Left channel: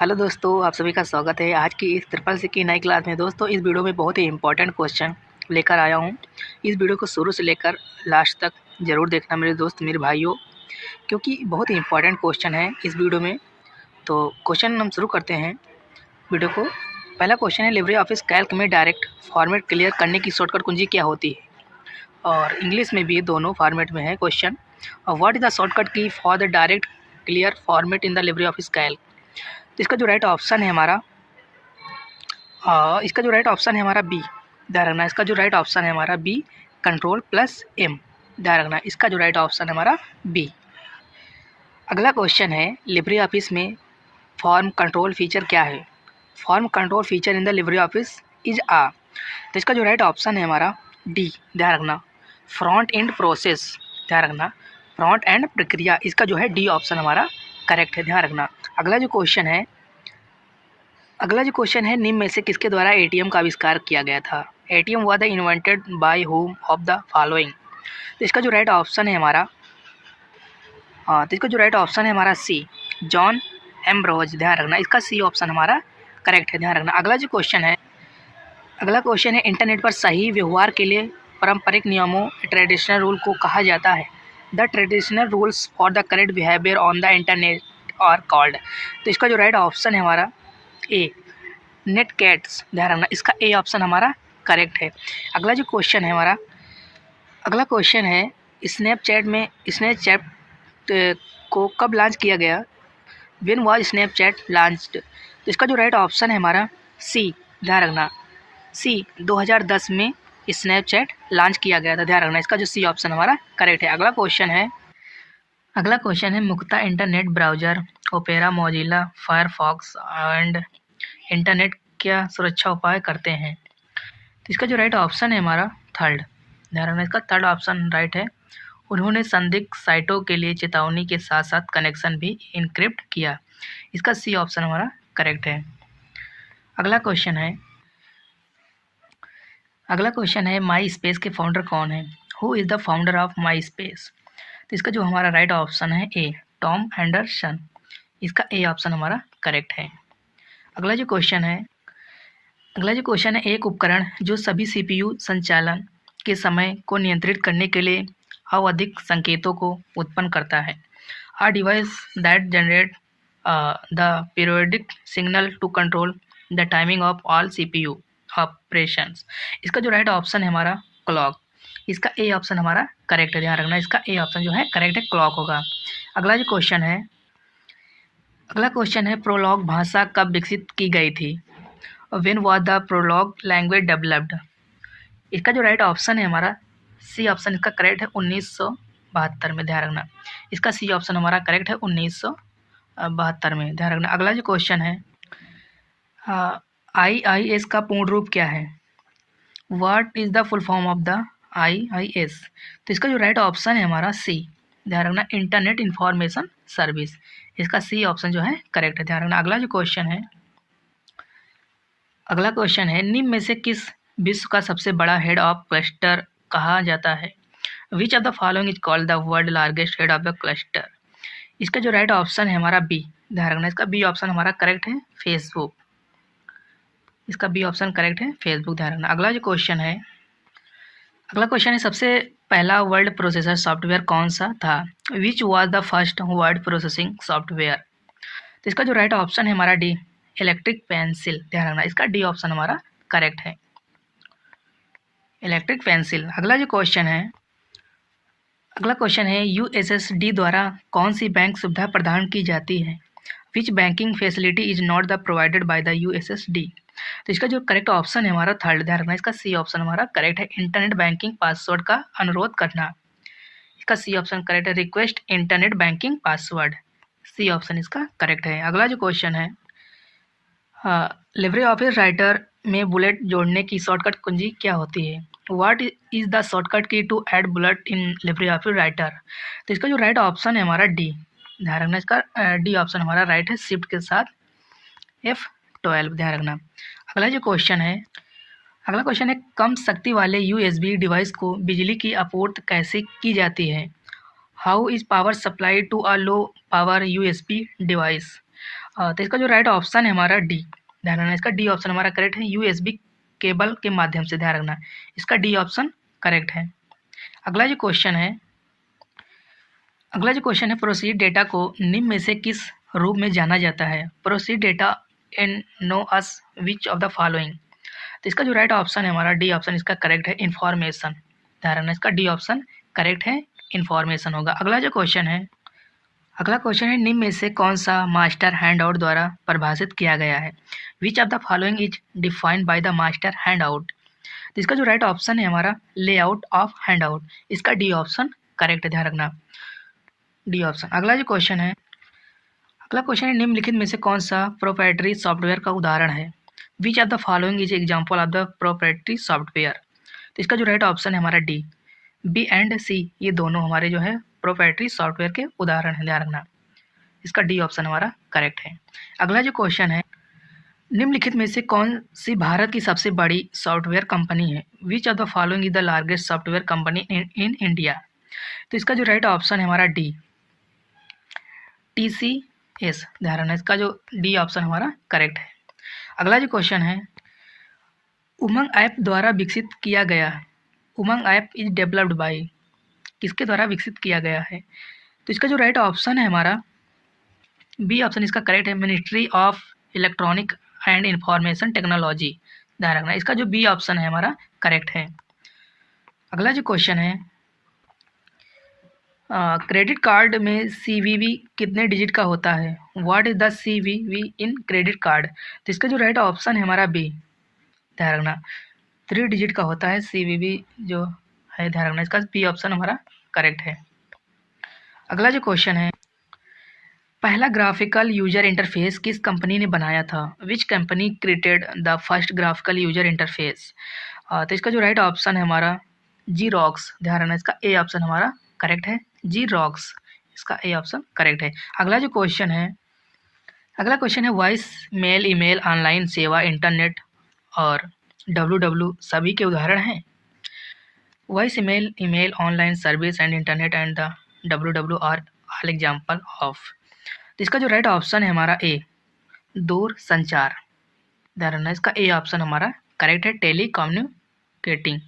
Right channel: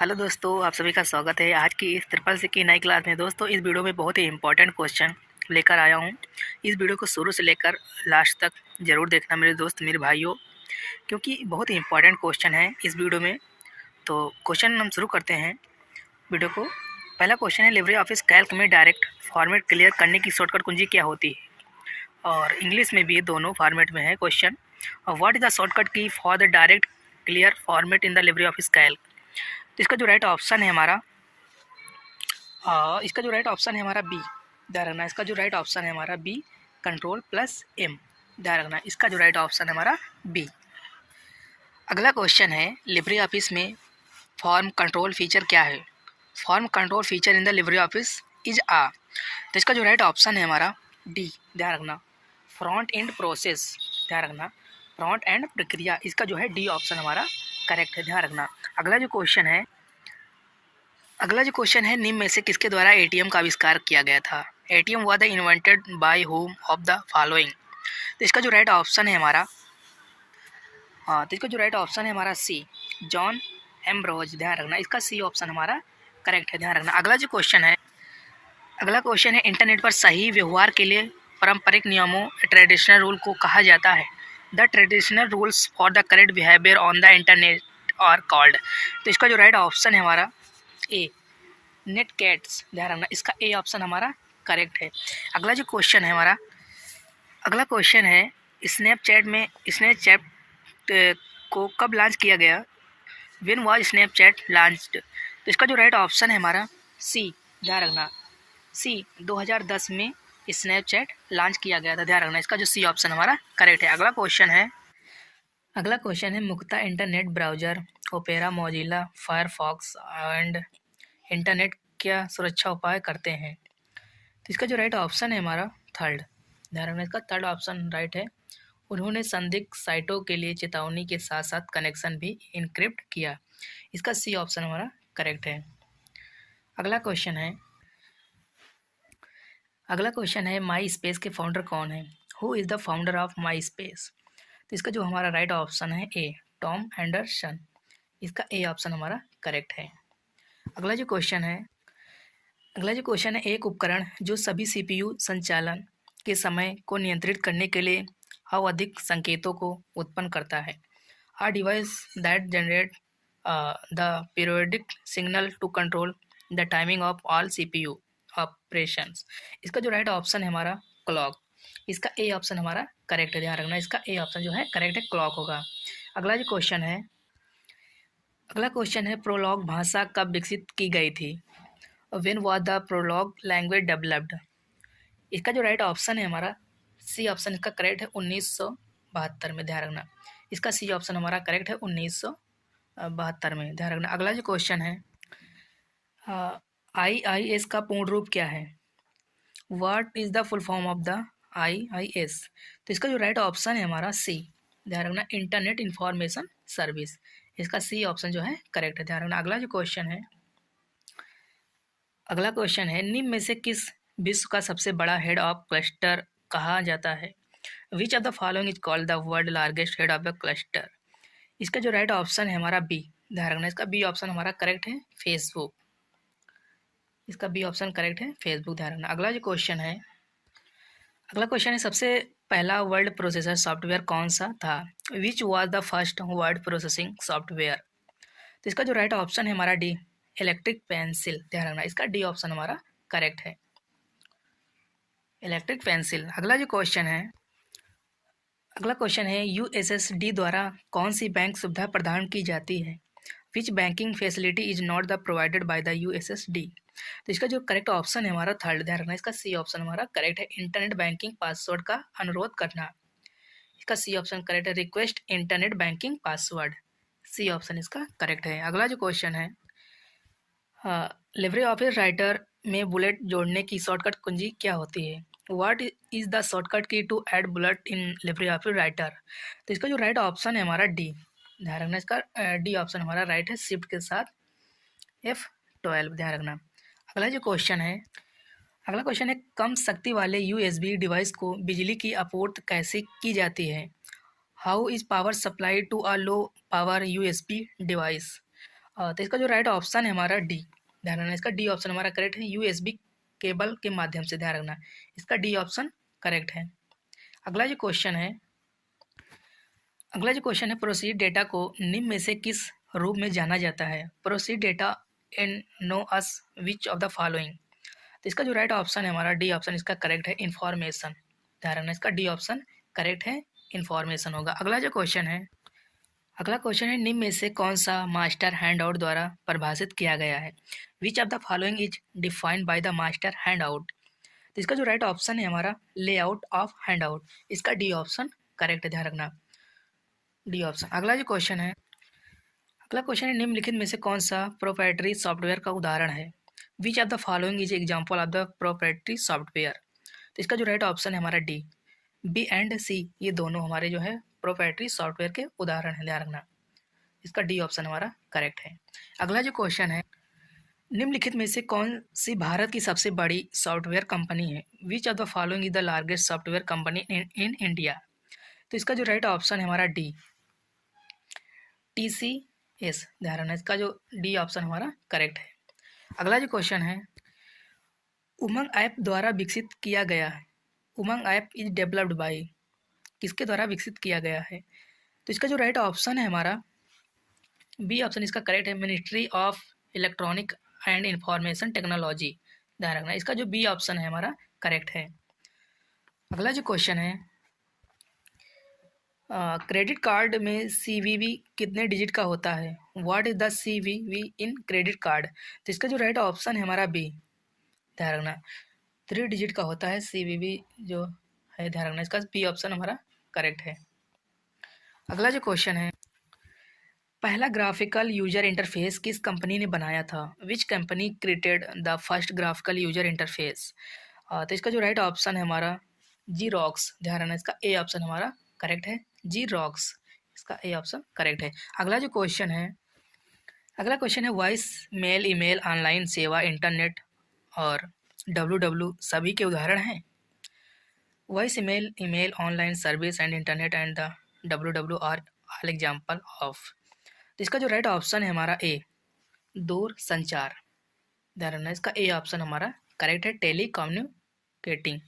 Hello दोस्तों, आप सभी का स्वागत है आज की इस ट्रिपल सी की नई क्लास में। दोस्तों, इस वीडियो में बहुत ही इंपॉर्टेंट क्वेश्चन लेकर आया हूं। इस वीडियो को शुरू से लेकर लास्ट तक ज़रूर देखना मेरे दोस्त, मेरे भाइयों, क्योंकि बहुत ही इंपॉर्टेंट क्वेश्चन है इस वीडियो में। तो क्वेश्चन हम शुरू करते हैं वीडियो को। पहला क्वेश्चन है, लिब्रे ऑफिस कैल्क में डायरेक्ट फॉर्मेट क्लियर करने की शॉर्टकट कुंजी क्या होती है? और इंग्लिश में भी दोनों फॉर्मेट में है question. What is the shortcut key for the direct clear format in the LibreOffice Calc? तो इसका जो राइट ऑप्शन है हमारा बी। ध्यान रखना, इसका जो राइट ऑप्शन है हमारा बी, कंट्रोल प्लस एम। ध्यान रखना, इसका जो राइट ऑप्शन है हमारा बी। अगला क्वेश्चन है, लिब्रे ऑफिस में फॉर्म कंट्रोल फीचर क्या है? Form control feature in the LibreOffice is uh. तो इसका जो राइट ऑप्शन है हमारा डी। ध्यान रखना, फ्रंट एंड प्रोसेस। ध्यान रखना, फ्रंट एंड प्रक्रिया, इसका जो है डी ऑप्शन हमारा करेक्ट है। ध्यान रखना, अगला जो क्वेश्चन है, निम्न में से किसके द्वारा एटीएम का आविष्कार किया गया था? ATM was the invented by home of the following? तो इसका जो राइट ऑप्शन है हमारा सी, जॉन एम्ब्रोज। ध्यान रखना, इसका सी ऑप्शन हमारा करेक्ट है। ध्यान रखना, अगला क्वेश्चन है, इंटरनेट पर सही व्यवहार के लिए पारंपरिक नियमों ट्रेडिशनल रूल को कहा जाता है? The traditional rules for the correct behaviour on the internet are called? तो इसका जो राइट ऑप्शन है हमारा ए, नेट कैट्स। ध्यान रखना, इसका ए ऑप्शन हमारा करेक्ट है। अगला क्वेश्चन है, स्नैपचैट को कब लॉन्च किया गया? When was Snapchat launched? तो इसका जो राइट ऑप्शन है हमारा सी। ध्यान रखना, सी, 2010 में स्नैपचैट लॉन्च किया गया था। ध्यान रखना, इसका जो सी ऑप्शन हमारा करेक्ट है। अगला क्वेश्चन है, मुख्यतः internet browser opera, Mozilla, Firefox and internet क्या सुरक्षा उपाय करते हैं? तो इसका जो राइट ऑप्शन है हमारा थर्ड। ध्यान रखना, इसका थर्ड ऑप्शन राइट है। उन्होंने संदिग्ध साइटों के लिए चेतावनी के साथ साथ कनेक्शन भी इनक्रिप्ट किया। इसका सी ऑप्शन हमारा करेक्ट है। अगला क्वेश्चन है, माई स्पेस के फाउंडर कौन है? Who is the founder of my space? तो इसका जो हमारा राइट ऑप्शन है ए, टॉम एंडरसन। इसका ए ऑप्शन हमारा करेक्ट है। अगला जो क्वेश्चन है, एक उपकरण जो सभी सीपीयू संचालन के समय को नियंत्रित करने के लिए आवधिक संकेतों को उत्पन्न करता है। Uh device that generate the periodic signal to control the timing of all CPU operations? इसका जो राइट ऑप्शन है हमारा क्लॉक। इसका ए ऑप्शन हमारा करेक्ट है। ध्यान रखना, इसका ए ऑप्शन जो है करेक्ट है, क्लॉक होगा। अगला क्वेश्चन है, प्रोलॉग भाषा कब विकसित की गई थी? When was the prolog language developed? इसका जो राइट ऑप्शन है हमारा सी ऑप्शन, इसका करेक्ट है 1972 में। ध्यान रखना, इसका सी ऑप्शन हमारा करेक्ट है 1972 में। ध्यान रखना, अगला जो क्वेश्चन है, IIS का पूर्ण रूप क्या है? What is the full form of the IIS? तो इसका जो राइट ऑप्शन है हमारा सी। ध्यान रखना, इंटरनेट इंफॉर्मेशन सर्विस। इसका सी ऑप्शन जो है करेक्ट है। ध्यान रखना, अगला क्वेश्चन है, निम्न में से किस विश्व का सबसे बड़ा हेड ऑफ क्लस्टर कहा जाता है? Which of the following is called the world largest head of the cluster? इसका जो राइट ऑप्शन है हमारा बी। ध्यान रखना, इसका बी ऑप्शन हमारा करेक्ट है, फेसबुक। इसका बी ऑप्शन करेक्ट है, फेसबुक। ध्यान रखना, अगला क्वेश्चन है, सबसे पहला वर्ड प्रोसेसर सॉफ्टवेयर कौन सा था? Which was the first word processing software? तो इसका जो राइट ऑप्शन है हमारा डी, इलेक्ट्रिक पेंसिल। ध्यान रखना, इसका डी ऑप्शन हमारा करेक्ट है, इलेक्ट्रिक पेंसिल। अगला क्वेश्चन है, USSD द्वारा कौन सी बैंक सुविधा प्रदान की जाती है? Which banking facility is not the provided by the USSD? तो इसका जो करेक्ट ऑप्शन है हमारा थर्ड। ध्यान रखना, इसका सी ऑप्शन हमारा करेक्ट है, इंटरनेट बैंकिंग पासवर्ड का अनुरोध करना। इसका सी ऑप्शन करेक्ट है, request internet banking password. C option इसका करेक्ट है। अगला जो क्वेश्चन है, लिब्रे ऑफिस राइटर में बुलेट जोड़ने की शॉर्टकट कुंजी क्या होती है? What is the shortcut key to add bullet in LibreOffice Writer? तो इसका जो राइट ऑप्शन है हमारा डी। ध्यान रखना, इसका डी ऑप्शन हमारा राइट है, शिफ्ट के साथ F12। ध्यान रखना, अगला क्वेश्चन है, कम शक्ति वाले USB डिवाइस को बिजली की आपूर्ति कैसे की जाती है? How is power supply to a low power USB device? तो इसका जो राइट ऑप्शन है हमारा डी, ध्यान रखना इसका डी ऑप्शन हमारा करेक्ट है। यूएसबी केबल के माध्यम से, ध्यान रखना इसका डी ऑप्शन करेक्ट है। अगला जो क्वेश्चन है प्रोसीड डेटा को निम्न में से किस रूप में जाना जाता है? Proceed data in know us which of the following. तो इसका जो राइट ऑप्शन है हमारा डी ऑप्शन इसका करेक्ट है, इन्फॉर्मेशन। ध्यान रखना इसका डी ऑप्शन करेक्ट है, इन्फॉर्मेशन होगा। अगला क्वेश्चन है निम्न में से कौन सा मास्टर हैंडआउट द्वारा परिभाषित किया गया है? Which of the following is defined by the master handout. तो इसका जो राइट ऑप्शन है हमारा लेआउट ऑफ हैंडआउट, इसका डी ऑप्शन करेक्ट है, ध्यान रखना डी ऑप्शन। अगला क्वेश्चन है निम्नलिखित में से कौन सा प्रोप्राइटरी सॉफ्टवेयर का उदाहरण है? Which of the following is example of the proprietary software. तो इसका जो राइट ऑप्शन है हमारा डी, बी एंड सी ये दोनों हमारे जो है प्रोप्राइटरी सॉफ्टवेयर के उदाहरण है, ध्यान रखना इसका डी ऑप्शन हमारा करेक्ट है। अगला जो क्वेश्चन है निम्नलिखित में से कौन सी भारत की सबसे बड़ी सॉफ्टवेयर कंपनी है? Which of the following is the largest software company in India. तो इसका जो राइट ऑप्शन है हमारा डी, TCS, ध्यान रखना इसका जो डी ऑप्शन हमारा करेक्ट है। अगला जो क्वेश्चन है उमंग ऐप द्वारा विकसित किया गया है। उमंग ऐप इज डेवलप्ड बाय, किसके द्वारा विकसित किया गया है? तो इसका जो राइट ऑप्शन है हमारा बी ऑप्शन इसका करेक्ट है, ministry of electronic and information technology. ध्यान रखना इसका जो बी ऑप्शन है हमारा करेक्ट है। अगला जो क्वेश्चन है क्रेडिट कार्ड में CVV कितने डिजिट का होता है? What is the CVV in credit card. तो इसका जो राइट ऑप्शन है हमारा बी, ध्यान रखना 3 डिजिट का होता है CVV जो है, ध्यान रखना इसका बी ऑप्शन हमारा करेक्ट है। अगला जो क्वेश्चन है पहला ग्राफिकल यूजर इंटरफेस किस कंपनी ने बनाया था? Which company created the first graphical user interface. तो इसका जो राइट ऑप्शन है हमारा Xerox, ध्यान रखना इसका ए ऑप्शन हमारा करेक्ट है, Xerox इसका ए ऑप्शन करेक्ट है। अगला क्वेश्चन है वॉइस मेल, ईमेल, ऑनलाइन सेवा, इंटरनेट और WW सभी के उदाहरण हैं। Voice email, online service and internet and the WW are all example of. इसका जो राइट ऑप्शन है हमारा ए, दूर संचार, ध्यान रखना इसका ए ऑप्शन हमारा करेक्ट है, टेली कम्युनिकेटिंग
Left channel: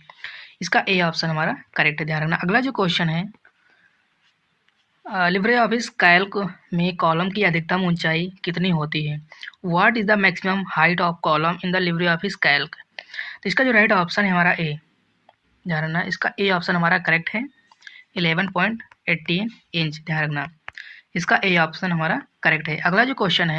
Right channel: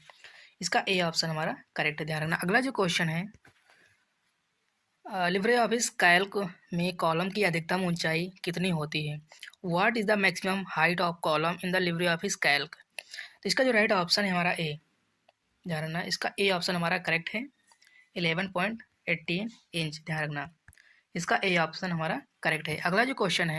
इसका ए ऑप्शन हमारा करेक्ट है, ध्यान रखना। अगला जो क्वेश्चन है लिब्रे ऑफिस कैल्क में कॉलम की अधिकतम ऊंचाई कितनी होती है? What is the maximum height of column in the LibreOffice Calc. तो इसका जो राइट ऑप्शन है हमारा ए, ध्यान रखना इसका ए ऑप्शन हमारा करेक्ट है, 11.18 इंच, ध्यान रखना इसका ए ऑप्शन हमारा करेक्ट है। अगला क्वेश्चन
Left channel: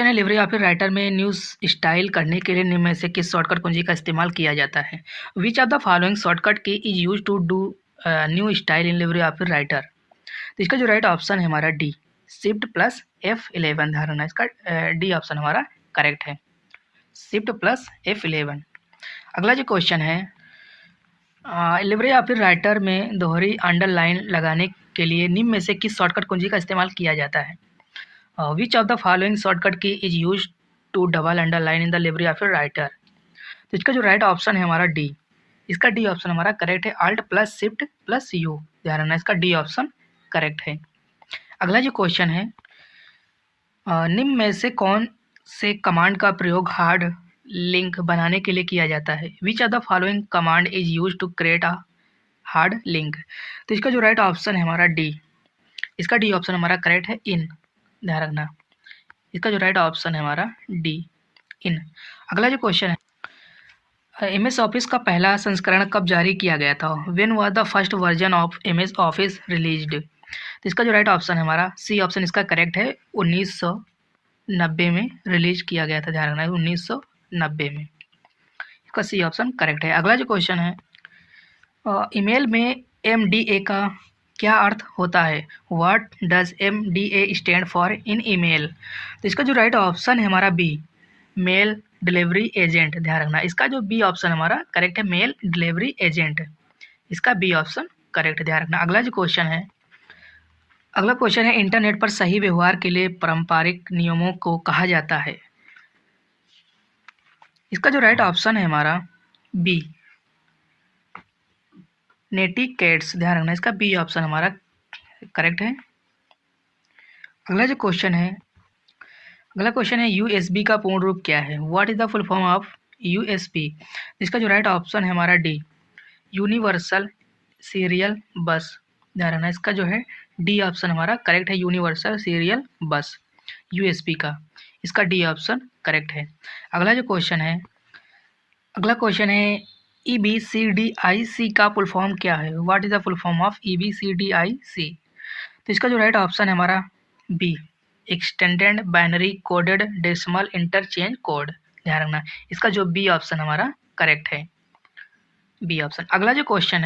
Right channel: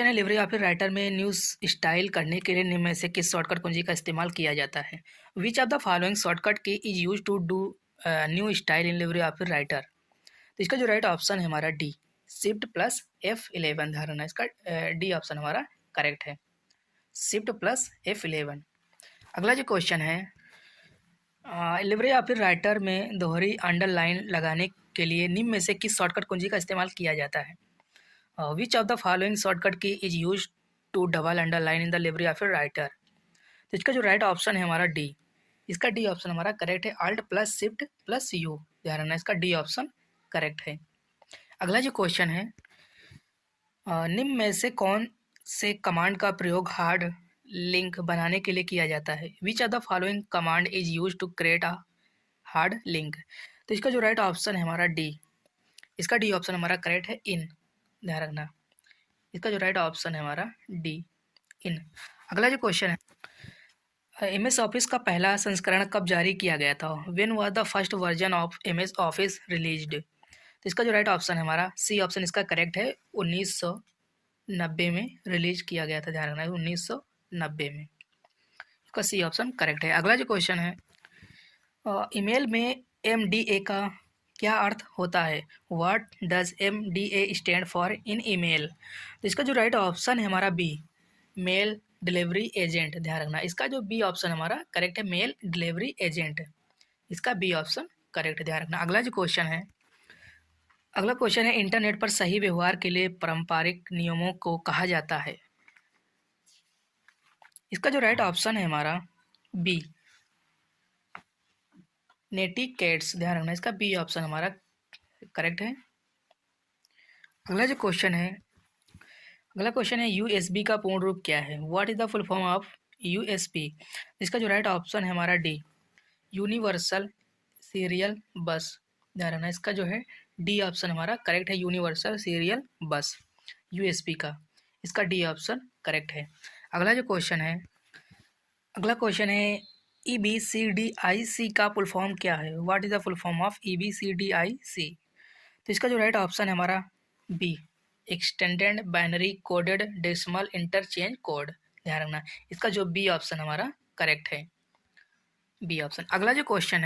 है लिब्रे ऑफिस राइटर में न्यूज़ स्टाइल करने के लिए निम्न में से किस शॉर्टकट कुंजी का इस्तेमाल किया जाता है? Which of the following shortcut key is use to do new style in LibreOffice Writer. तो इसका जो राइट ऑप्शन है हमारा डी, शिफ्ट प्लस F11, ध्यान रखना इसका डी ऑप्शन हमारा करेक्ट है, शिफ्ट प्लस F11। अगला जो क्वेश्चन है लिब्रे ऑफिस राइटर में दोहरी अंडरलाइन लगाने के लिए निम्न में से किस शॉर्टकट कुंजी का इस्तेमाल किया जाता है? Which of the following shortcut key is use to double underline in the LibreOffice Writer. तो इसका जो राइट ऑप्शन है हमारा डी, इसका डी ऑप्शन हमारा करेक्ट है, alt plus shift plus U, ध्यान रखना इसका डी ऑप्शन करेक्ट है। अगला जो क्वेश्चन है निम्न में से कौन से कमांड का प्रयोग हार्ड लिंक बनाने के लिए किया जाता है? Which of the following command is use to create a hard link. तो इसका जो राइट ऑप्शन है हमारा डी, इसका डी ऑप्शन हमारा करेक्ट है, इन, ध्यान रखना इसका जो राइट ऑप्शन है हमारा डी, इन। अगला जो क्वेश्चन है MS ऑफिस का पहला संस्करण कब जारी किया गया था? When was the first version of MS office released. तो इसका जो राइट ऑप्शन है हमारा सी ऑप्शन इसका करेक्ट है, 1990 में रिलीज किया गया था, ध्यान रखना 1990 में, इसका सी ऑप्शन करेक्ट है। अगला जो क्वेश्चन है ईमेल में MDA का क्या अर्थ होता है? What does MDA stand for in email. तो इसका जो राइट ऑप्शन है हमारा बी, मेल डिलीवरी एजेंट, ध्यान रखना इसका जो बी ऑप्शन हमारा करेक्ट है, मेल डिलीवरी एजेंट, इसका बी ऑप्शन करेक्ट है, ध्यान रखना। अगला क्वेश्चन है इंटरनेट पर सही व्यवहार के लिए पारंपरिक नियमों को कहा जाता है? इसका जो राइट ऑप्शन है हमारा बी, नेटिकेट्स, ध्यान रखना इसका बी ऑप्शन हमारा करेक्ट है। अगला जो क्वेश्चन है अगला क्वेश्चन है यूएसबी का पूर्ण रूप क्या है? What is the full form of USB? इसका जो राइट ऑप्शन है हमारा डी, यूनिवर्सल सीरियल बस। ध्यान रखना, इसका जो है डी ऑप्शन हमारा करेक्ट है, यूनिवर्सल सीरियल बस यूएसबी का, इसका डी ऑप्शन करेक्ट है। अगला क्वेश्चन है ई बी सी डी आई सी का फुल फॉर्म क्या है? What is the full form of E B C D I C? तो इसका जो राइट ऑप्शन है हमारा B, extended binary coded decimal interchange code. ध्यान रखना, इसका जो बी ऑप्शन हमारा करेक्ट है, बी ऑप्शन। अगला जो क्वेश्चन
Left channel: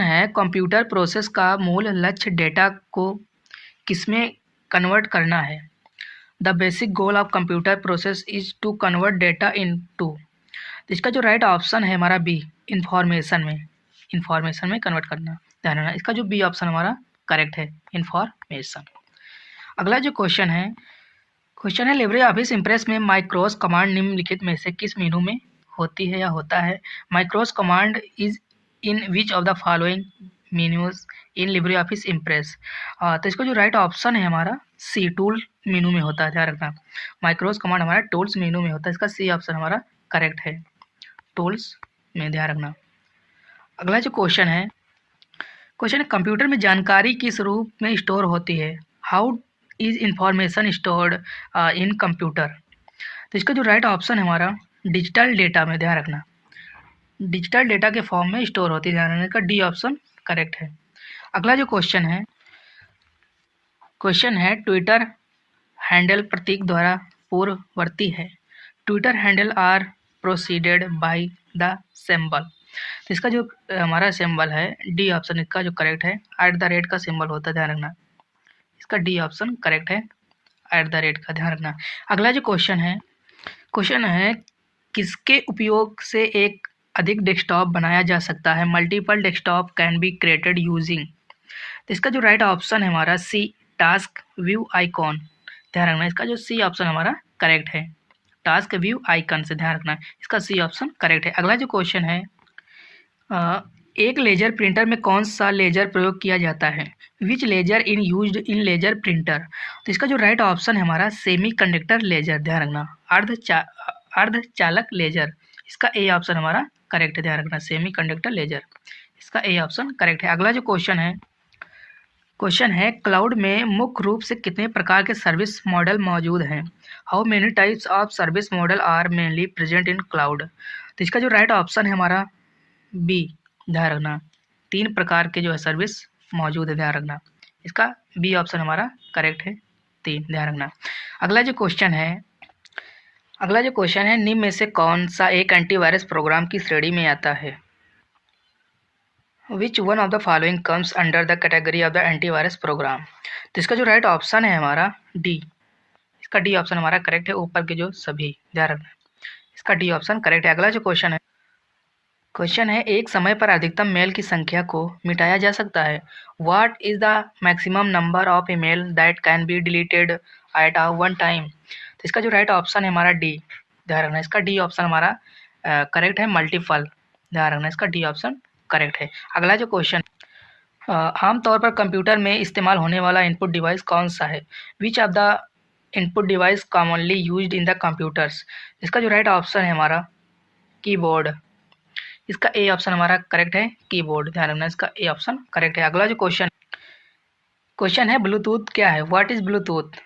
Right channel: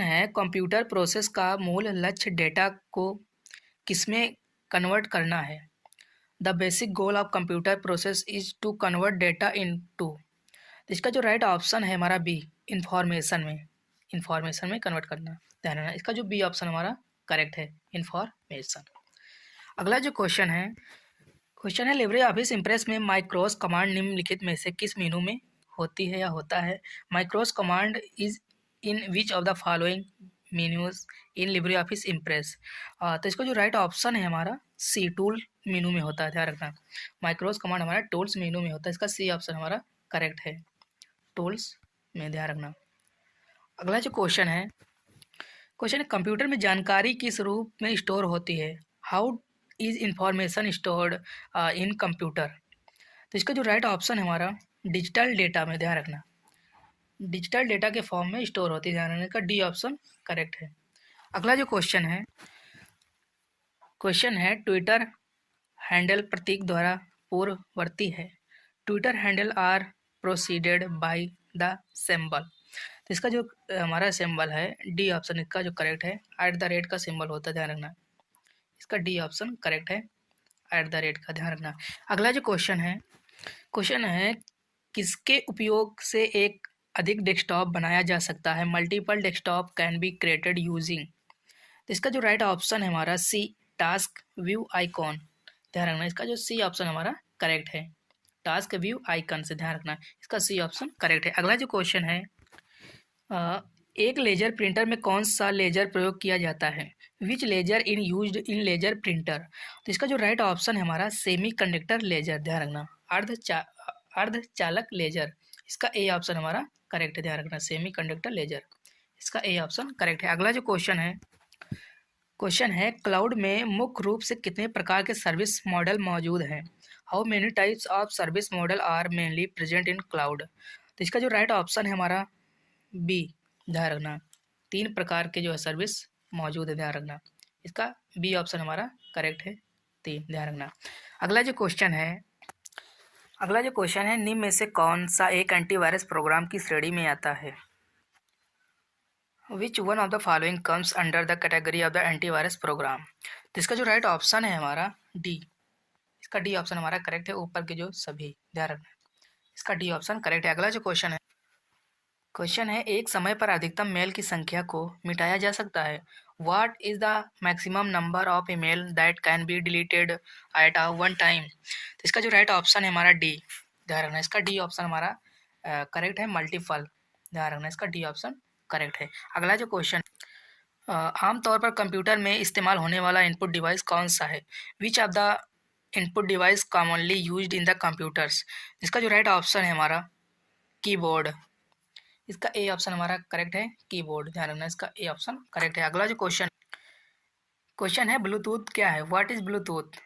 है कंप्यूटर प्रोसेस का मूल लक्ष्य डेटा को किसमें कन्वर्ट करना है? The basic goal of computer process is to convert data into. इसका जो राइट ऑप्शन है हमारा बी, इंफॉर्मेशन में कन्वर्ट करना। ध्यान रखना, इसका जो बी ऑप्शन हमारा करेक्ट है, इंफॉर्मेशन। अगला जो क्वेश्चन है लिब्रे ऑफिस इम्प्रेस में माइक्रोस कमांड निम्नलिखित में से किस मेनू में होती है या होता है? Macros command is in which of the following menus in LibreOffice Impress? तो इसका जो राइट ऑप्शन है हमारा सी, टूल मेनू में होता है। ध्यान रखना, माइक्रोस कमांड हमारा टूल्स मेनू में होता है, इसका सी ऑप्शन हमारा करेक्ट है, टूल्स में। ध्यान रखना। अगला जो क्वेश्चन है कंप्यूटर में जानकारी किस रूप में स्टोर होती है? How is information stored in computer? तो इसका जो राइट ऑप्शन है हमारा डिजिटल डेटा में। ध्यान रखना, डिजिटल डेटा के फॉर्म में स्टोर होती है। ध्यान रखने का डी ऑप्शन करेक्ट है। अगला जो क्वेश्चन है ट्विटर हैंडल प्रतीक द्वारा पूर्ववर्ती है। Twitter handle are proceeded by the symbol. तो इसका जो हमारा सिंबल है डी ऑप्शन, इसका जो करेक्ट है @ का सिंबल होता है। ध्यान रखना, इसका डी ऑप्शन करेक्ट है, @ का। ध्यान रखना। अगला जो क्वेश्चन है किसके उपयोग से एक अधिक डेस्कटॉप बनाया जा सकता है? Multiple desktop can be created using. तो इसका जो राइट ऑप्शन है हमारा सी, टास्क व्यू आइकॉन। ध्यान रखना, इसका जो सी ऑप्शन हमारा करेक्ट है, टास्क व्यू आइकन से। ध्यान रखना, इसका सी ऑप्शन करेक्ट है। अगला जो क्वेश्चन है एक लेजर प्रिंटर में कौन सा लेजर प्रयोग किया जाता है? Which laser in used in laser printer? तो इसका जो राइट ऑप्शन है हमारा सेमी कंडक्टर लेजर। ध्यान रखना, अर्धचालक लेजर, इसका ए ऑप्शन हमारा करेक्ट है। ध्यान रखना, सेमी कंडक्टर लेजर, इसका ए ऑप्शन करेक्ट है। अगला जो क्वेश्चन है क्लाउड में मुख्य रूप से कितने प्रकार के सर्विस मॉडल मौजूद हैं? How many types of service model are mainly present in cloud? तो इसका जो राइट ऑप्शन है हमारा बी, ध्यान रखना 3 प्रकार के जो है सर्विस मौजूद है। ध्यान रखना, इसका बी ऑप्शन हमारा करेक्ट है, 3। ध्यान रखना। अगला जो क्वेश्चन है निम्न में से कौन सा एक एंटीवायरस प्रोग्राम की श्रेणी में आता है? Which one of the following comes under the category of the antivirus program? तो इसका जो राइट ऑप्शन है हमारा डी, इसका डी ऑप्शन हमारा करेक्ट है, ऊपर के जो सभी। ध्यान रखना, इसका डी ऑप्शन करेक्ट है। अगला जो क्वेश्चन है एक समय पर अधिकतम मेल की संख्या को मिटाया जा सकता है। What is the maximum number of email that can be deleted eight one time? तो इसका जो राइट ऑप्शन है हमारा डी। ध्यान रखना, इसका डी ऑप्शन हमारा करेक्ट है, मल्टीपल। ध्यान रखना, इसका डी ऑप्शन करेक्ट है। अगला जो क्वेश्चन आमतौर पर कंप्यूटर में इस्तेमाल होने वाला इनपुट डिवाइस कौन सा है? Which of the input device commonly used in the computers? इसका जो राइट ऑप्शन है हमारा कीबोर्ड, इसका ए ऑप्शन हमारा करेक्ट है, कीबोर्ड। ध्यान रखना, इसका ए ऑप्शन करेक्ट है। अगला जो क्वेश्चन है ब्लूटूथ क्या है? व्हाट इज ब्लूटूथ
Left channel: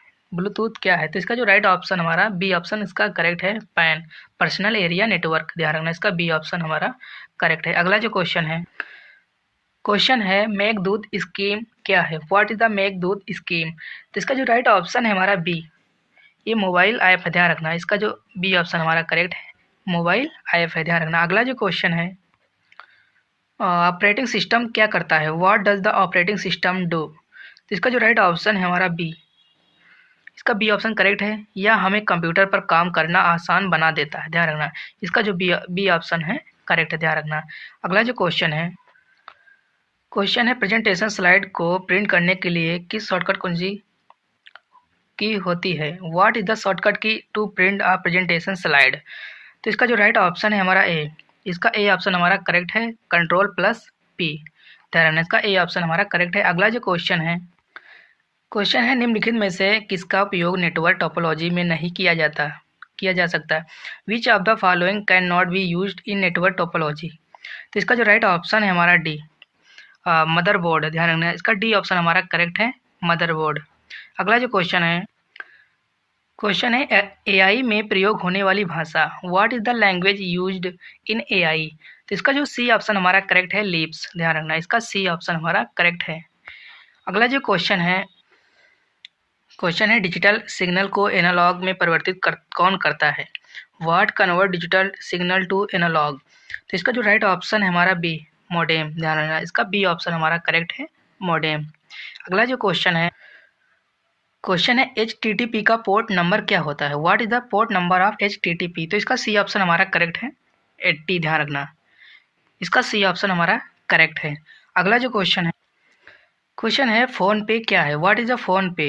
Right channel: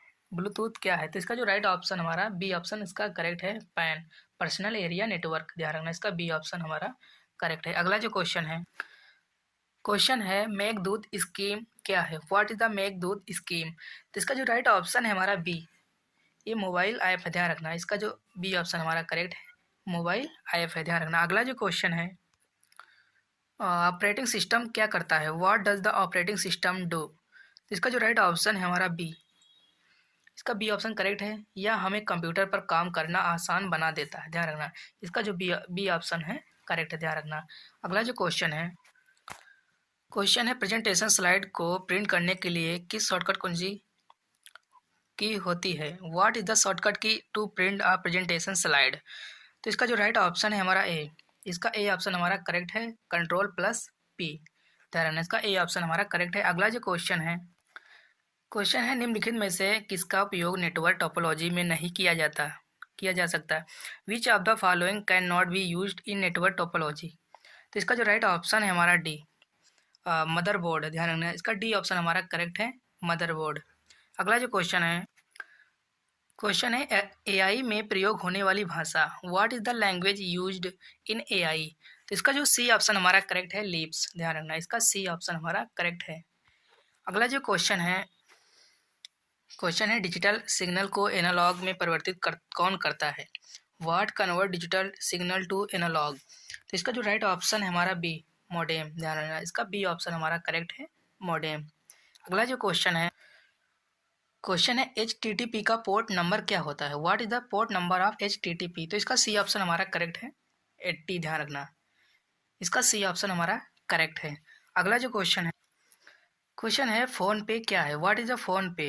क्या है? तो इसका जो राइट ऑप्शन हमारा बी ऑप्शन, इसका करेक्ट है, पैन, पर्सनल एरिया नेटवर्क। ध्यान रखना, इसका बी ऑप्शन हमारा करेक्ट है। अगला जो क्वेश्चन है मेघदूत स्कीम क्या है? What is the Meghdoot scheme? तो इसका जो राइट ऑप्शन है हमारा बी, ये मोबाइल ऐप है। ध्यान रखना, इसका जो बी ऑप्शन हमारा करेक्ट है, मोबाइल ऐप है। ध्यान रखना। अगला जो क्वेश्चन है ऑपरेटिंग सिस्टम क्या करता है? What does the operating system do? तो इसका जो राइट ऑप्शन है हमारा बी, इसका बी ऑप्शन करेक्ट है, यह हमें कंप्यूटर पर काम करना आसान बना देता है। ध्यान रखना, इसका जो बी ऑप्शन है करेक्ट है। ध्यान रखना। अगला जो क्वेश्चन है प्रेजेंटेशन स्लाइड को प्रिंट करने के लिए किस शॉर्टकट कुंजी की होती है? What is the shortcut key to print a presentation slide? तो इसका जो राइट ऑप्शन है हमारा ए, इसका ए ऑप्शन हमारा करेक्ट है, Ctrl+P। ध्यान रखना, इसका ए ऑप्शन हमारा करेक्ट है। अगला जो क्वेश्चन है क्वेश्चन है निम्नलिखित में से किसका उपयोग नेटवर्क टोपोलॉजी में नहीं किया जा सकता। विच of the following can not be used in network topology. तो इसका जो राइट ऑप्शन है हमारा डी, मदरबोर्ड। ध्यान रखना, इसका डी ऑप्शन हमारा करेक्ट है, मदरबोर्ड। अगला जो क्वेश्चन है एआई में प्रयोग होने वाली भाषा। What is the language used in AI. तो इसका जो सी ऑप्शन हमारा करेक्ट है, लिप्स। ध्यान रखना, इसका सी ऑप्शन हमारा करेक्ट है। अगला जो क्वेश्चन है डिजिटल सिग्नल को एनालॉग में परिवर्तित कौन करता है। What convert digital signal to analogue. तो इसका जो राइट ऑप्शन है हमारा बी, मॉडेम। ध्यान रखना, इसका बी ऑप्शन हमारा करेक्ट है, मॉडेम। अगला जो क्वेश्चन है HTTP का पोर्ट नंबर क्या होता है। What is the port number of HTTP। तो इसका सी ऑप्शन हमारा करेक्ट है, 80। ध्यान रखना, इसका सी ऑप्शन हमारा करेक्ट है। अगला जो क्वेश्चन है फ़ोन पे क्या है। व्हाट इज़ द फ़ोन पे।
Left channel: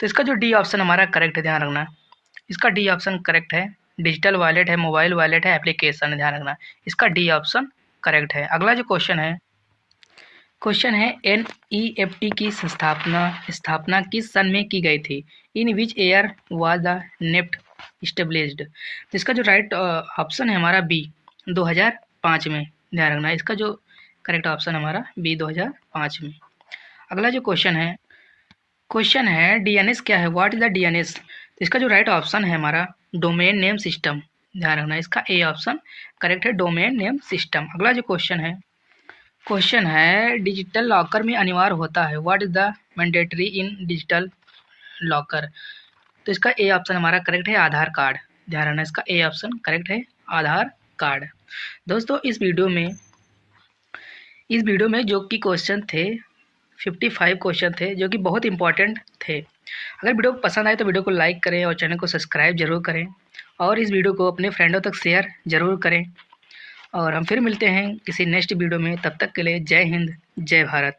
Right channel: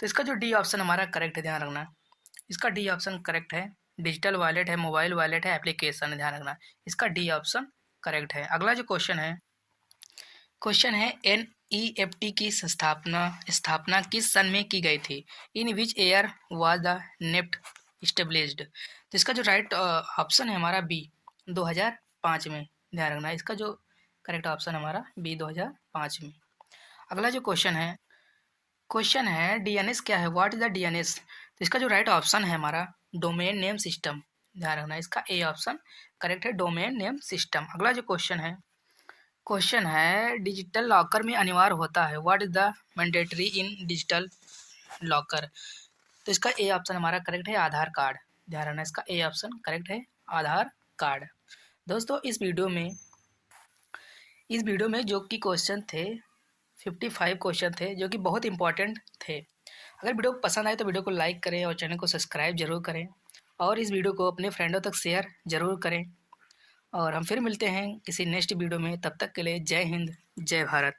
तो इसका जो डी ऑप्शन हमारा करेक्ट है, ध्यान रखना, इसका डी ऑप्शन करेक्ट है। डिजिटल वॉलेट है, मोबाइल वॉलेट है, एप्लीकेशन है। ध्यान रखना, इसका डी ऑप्शन करेक्ट है। अगला जो क्वेश्चन है NEFT की स्थापना किस सन में की गई थी। In which year was the NEFT established. तो इसका जो राइट ऑप्शन है हमारा बी, 2005 में। ध्यान रखना, इसका जो करेक्ट ऑप्शन हमारा बी, 2005 में। अगला जो क्वेश्चन है DNS क्या है। What is the DNS। तो इसका जो राइट ऑप्शन है हमारा डोमेन नेम सिस्टम। ध्यान रखना, इसका ए ऑप्शन करेक्ट है, डोमेन नेम सिस्टम। अगला जो क्वेश्चन है डिजिटल लॉकर में अनिवार्य होता है। What is the mandatory in digital locker. तो इसका ए ऑप्शन हमारा करेक्ट है, आधार कार्ड। ध्यान रखना, इसका ए ऑप्शन करेक्ट है, आधार कार्ड। दोस्तों इस वीडियो में जो कि क्वेश्चन थे 55 क्वेश्चन थे जो कि बहुत इंपॉर्टेंट थे। अगर वीडियो पसंद आए तो वीडियो को लाइक करें और चैनल को सब्सक्राइब जरूर करें और इस वीडियो को अपने फ्रेंडों तक शेयर जरूर करें। और हम फिर मिलते हैं किसी नेक्स्ट वीडियो में। तब तक के लिए जय हिंद, जय भारत।